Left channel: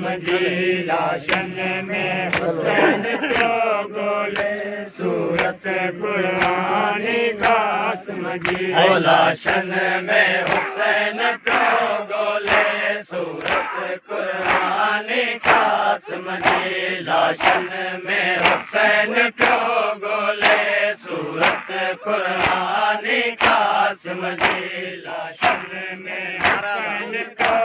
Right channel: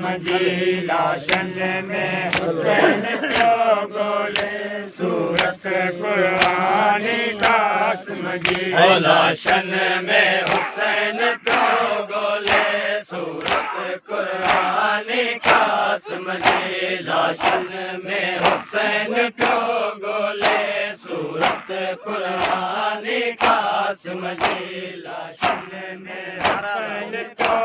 जी लाशन में हुसैन पियो ॻोल्हे सूरत क़ुरान कासिम जी लाशन में हुसैन पियो ॻोल्हे सूरत क़ुरान कासिम जी लाशन में हुसैन पियो ॻोल्हे सूरत क़ुरान कासिम जी लाशन में हुसैन पियो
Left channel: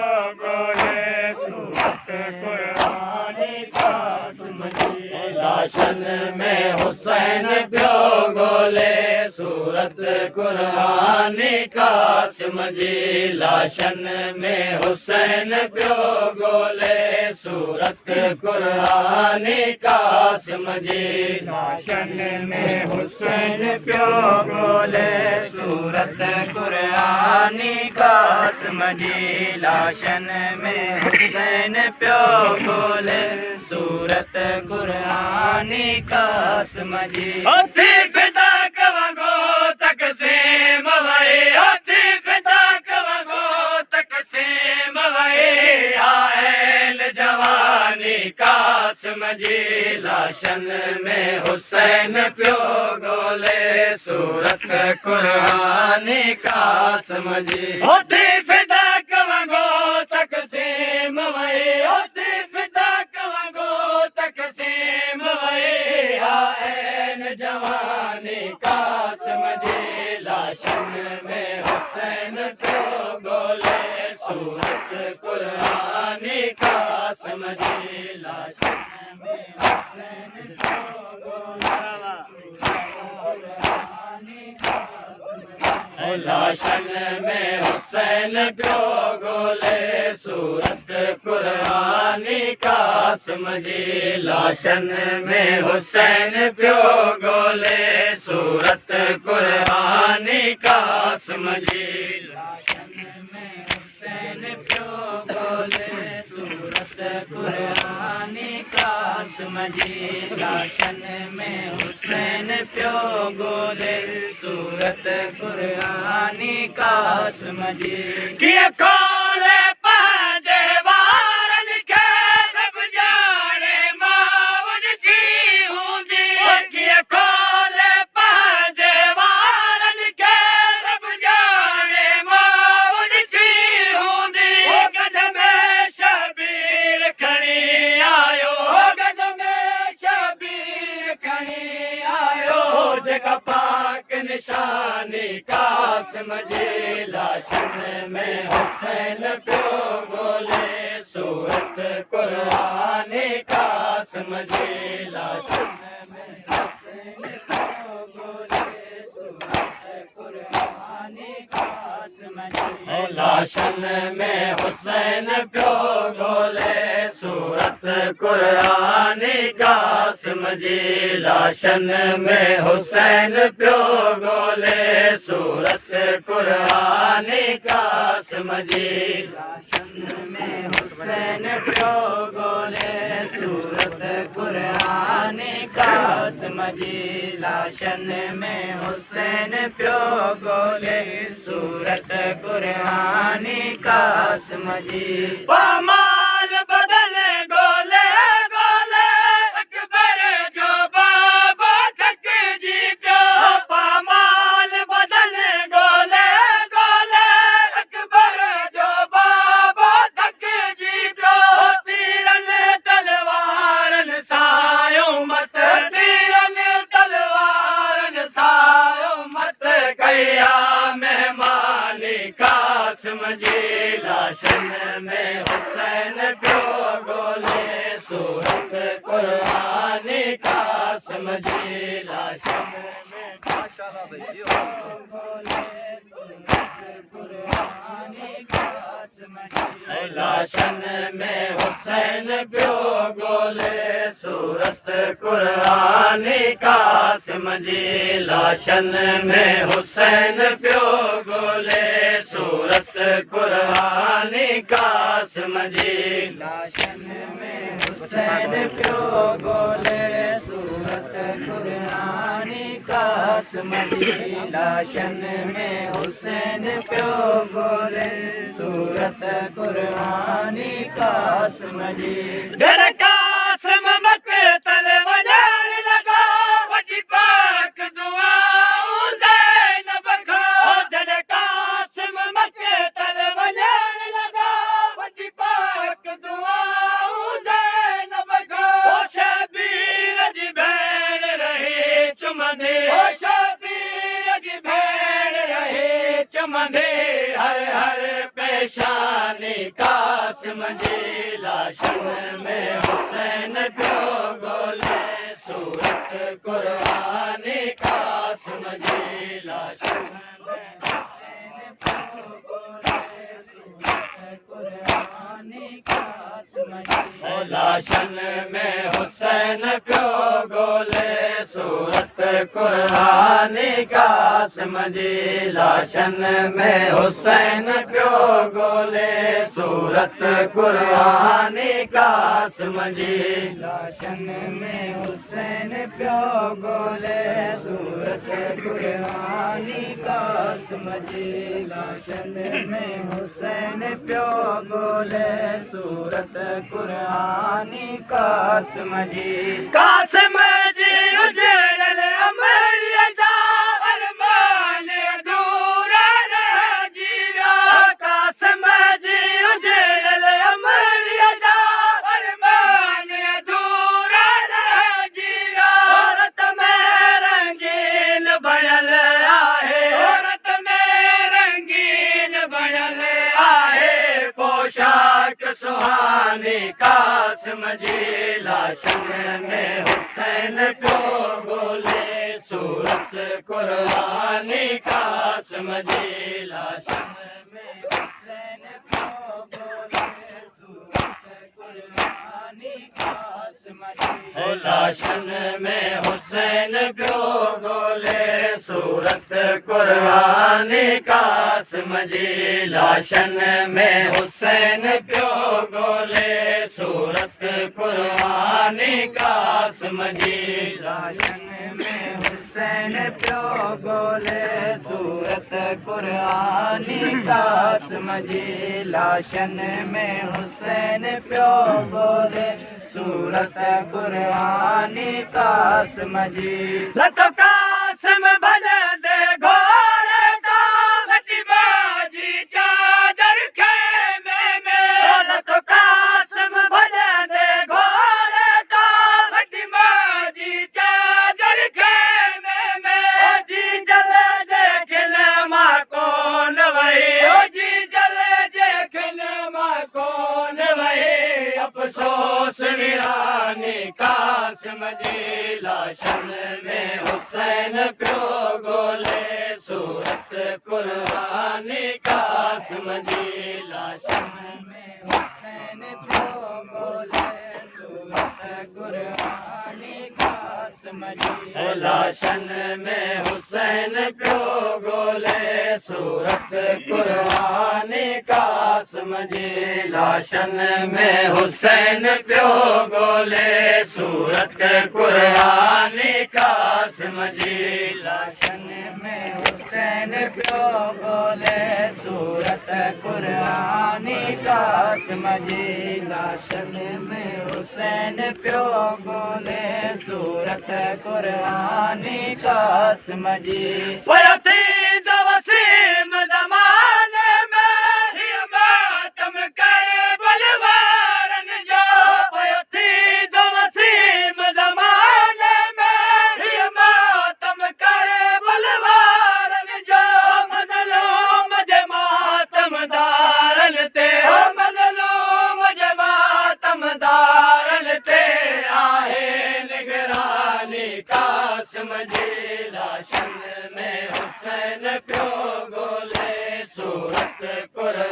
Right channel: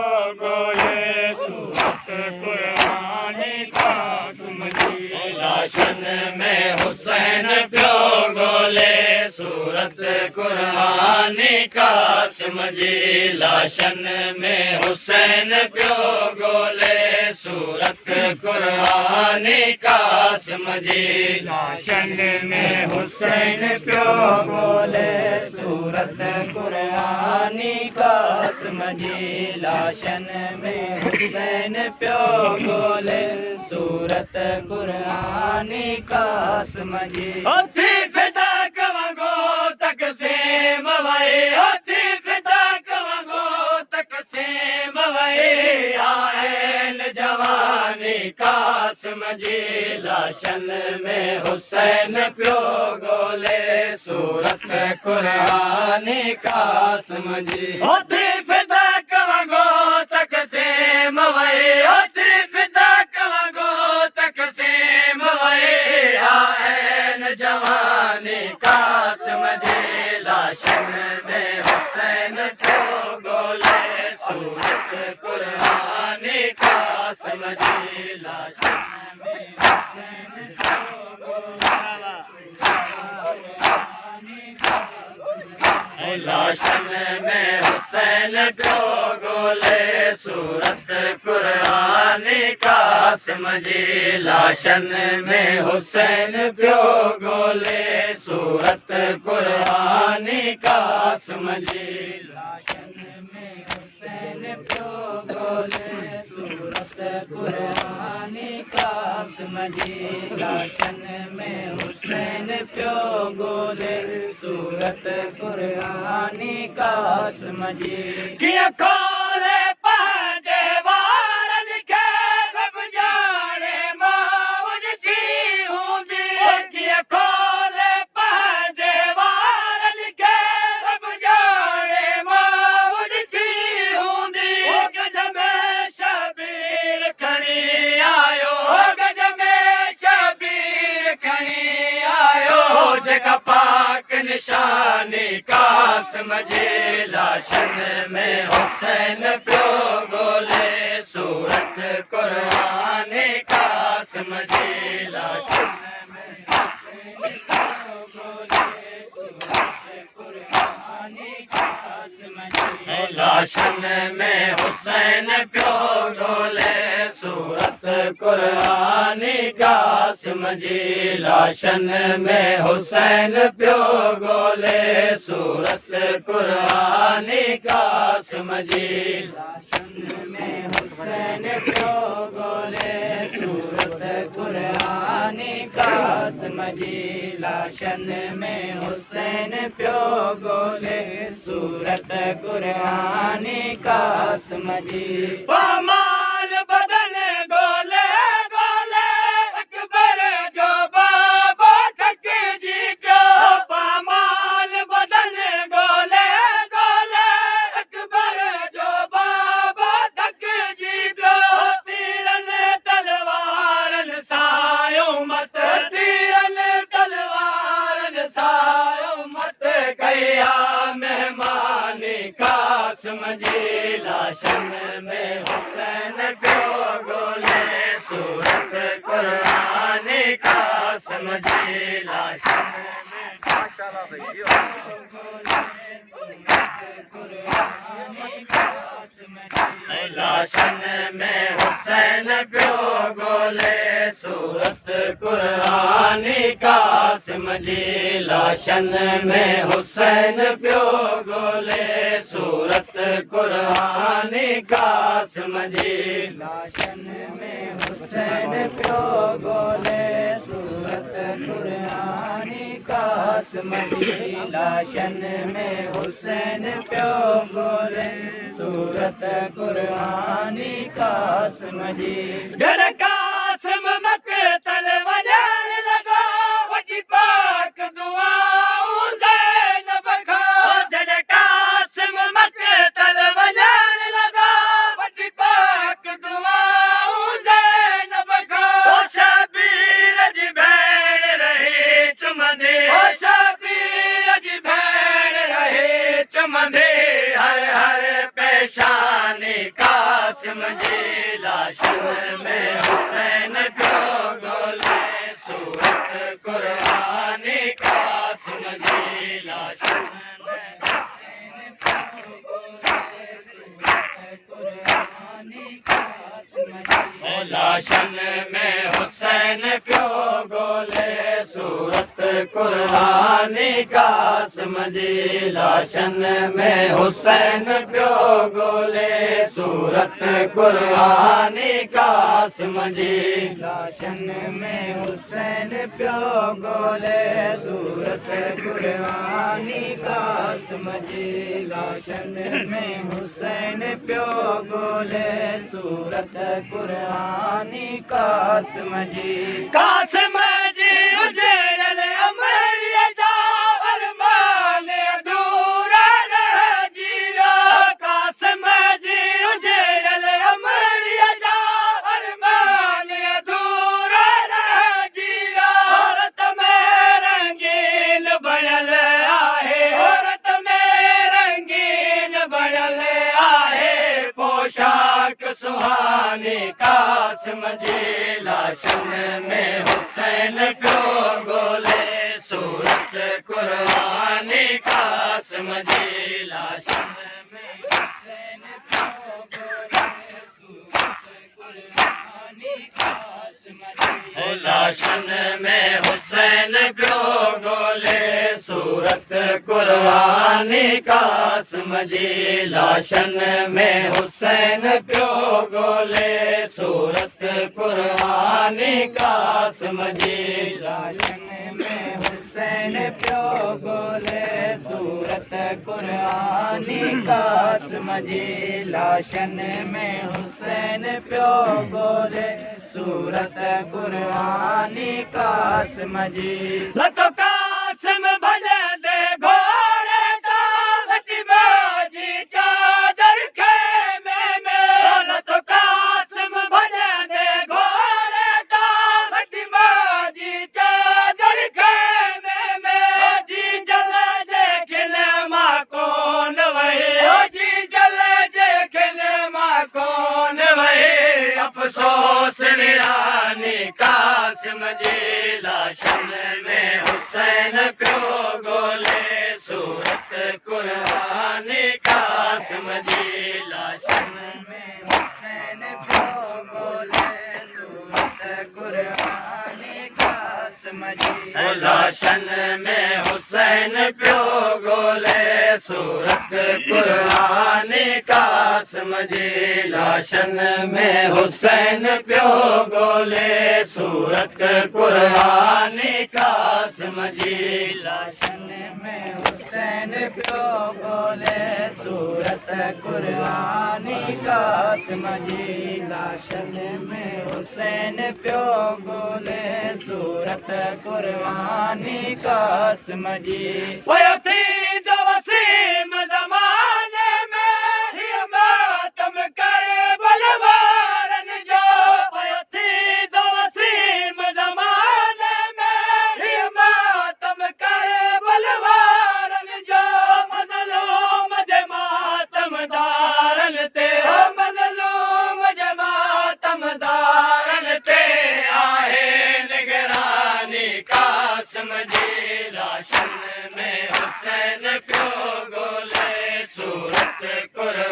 ॻोल्हे सूरत क़ुरान कासिम जी लाशन में हुसैन पियो ॻोल्हे सूरत क़ुरान कासिम जी लाशन में हुसैन पियो ॻोल्हे सूरत क़ुरान कासिम जी लाशन में हुसैन पियो ॻोल्हे सूरत क़ुरान कासिम जी लाशन में हुसैन पियो ॻोल्हे सूरत क़ुरान कासिम जी हथी फिदा कवंगो तक़सीम वए हथी फिदा कवंगो तक़सीम वए आयल जवानी कासिम जी लाशन में हुसैन पियो ॻोल्हे सूरत क़ुरान कासिम जी हथी फिदा कवंगो तक़सीम वए हथी फिदा कवंगो तक़सीम वए आयल जवानी कासिम जी लाशन में हुसैन पियो ॻोल्हे सूरत क़ुरान कासिम जी लाशन में हुसैन पियो ॻोल्हे लाशन में हुसैन पियो ॻोल्हे सूरत क़ुरान कासिम जी लाशन में हुसैन पियो ॻोल्हे सूरत क़ुरान कासिम जी लाशन में हुसैन पियो ॻोल्हे सूरत क़ुरान कासिम जी लाशन में हुसैन पियो ॻोल्हे सूरत क़ुरान कासिम जी कीअं खोले पंहिंजे वारनि खे रब ॼाणे मौज थी हूंदी कीअं खोले पंहिंजे वारनि खे रब ॼाणे मौज थी हूंदी गज में शबीर खणी आयो गज में शबीर खणी आयो जेका पाक निशानी कासिम जी लाशन में हुसैन पियो ॻोल्हे सूरत क़ुरान कासिम जी लाशन में हुसैन पियो ॻोल्हे सूरत क़ुरान कासिम जी लाशन में हुसैन पियो ॻोल्हे सूरत क़ुरान कासिम जी लाशन में हुसैन पियो ॻोल्हे सूरत क़ुरान कासिम जी लाशन में हुसैन पियो ॻोल्हे सूरत क़ुरान कासिम जी लाशन में हुसैन पियो ॻोल्हे सूरत क़ुरान कासिम जी पामाल बदन ॻोल्हे ॻोल्हे अकबर जो बाबा थकिजी पियो पामाल बदन ॻोल्हे ॻोल्हे अकबर जो बाबा थकिजी पियो तीरनि तलवारनि सायो मत तीरनि तलवारनि सायो मत कया महिमानी कासिम जी लाशन में हुसैन पियो ॻोल्हे सूरत क़ुरान कासिम जी लाशन में माशाअल्लाह भैया लाशन में हुसैन पियो ॻोल्हे सूरत क़ुरान कासिम जी लाशन में हुसैन पियो ॻोल्हे सूरत क़ुरान कासिम जी लाशन में हुसैन पियो ॻोल्हे सूरत क़ुरान कासिम कासिम जी लाशन में हुसैन पियो ॻोल्हे सूरत क़ुरानी कासिम जी घर कासिम मक़तल वञण लॻा वॾी पाक दुआऊं ज़ैनब खां जॾहिं कासिम मक़तल वञण लॻा वॾी पाक दुआऊं ज़ैनब खां शबीर जी भेण रही चुमंदे शबीर जी भेण रही चुमंदे हर हर पेशानी कासिम जी लाशन में हुसैन पियो ॻोल्हे सूरत क़ुरानी कासिम जी लाशन लाशन में हुसैन पियो ॻोल्हे सूरत क़ुरानी कासिम जी लाशन में हुसैन पियो ॻोल्हे सूरत क़ुरानी कासिम जी लाशन में हुसैन पियो ॻोल्हे सूरत क़ुरानी कासिम जी लाशन में हुसैन पियो ॻोल्हे सूरत क़ुरानी कासिम जी कासिम जी उजड़ल अमरिया जा अरमान अधूरा रहिजी विया कासिम जी उजड़ल अमरिया जा अरमान अधूरा रहिजी विया औरत में रंगीन बणियल आहे औरत में रंगीन बणियल आहे पोशाक सुहानी कासिम जी लाशन में हुसैन पियो ॻोल्हे सूरत क़ुरानी कासिम जी लाशन में हुसैन पियो ॻोल्हे सूरत क़ुरानी कासिम जी लाशन में हुसैन पियो ॻोल्हे सूरत क़ुरानी कासिम जी लाशन में हुसैन पियो ॻोल्हे सूरत क़ुरानी कासिम जी लाशन में हुसैन पियो ॻोल्हे सूरत क़ुरानी कासिम जी लतो कासिम भॼंदे घोड़े दा लटी बाजी चादर खेमे में लतो कासिम भॼंदे घोड़े दा लटी बाजी चादर खेमे में जी जल जे खिल मां कोन वही जी जल जे खिल मां कोन वही अफ़सोस वीरानी कासिम जी लाशन में हुसैन पियो ॻोल्हे सूरत क़ुरानी कासिम जी लाशन में हुसैन पियो ॻोल्हे सूरत क़ुरानी कासिम जी लाशन में हुसैन पियो ॻोल्हे सूरत क़ुरानी कासिम जी लाशन में हुसैन पियो ॻोल्हे सूरत क़ुरानी कासिम जी लाशन में हुसैन पियो ॻोल्हे सूरत क़ुरानी कासिम जी लाशन में हुसैन पियो ॻोल्हे सूरत क़ुरानी कासिम जी पियो थी वसीम ज़माने में हीअ मातम करे बलवारन जो पियो थी वसीम ज़माने में हीअ मातम करे बलवारन जो मज़लूम जे मातमदारन ते मज़लूम जे मातमदारन ते आहे निगरानी कासिम जी लाशन में हुसैन पियो ॻोल्हे सूरत क़ुरानी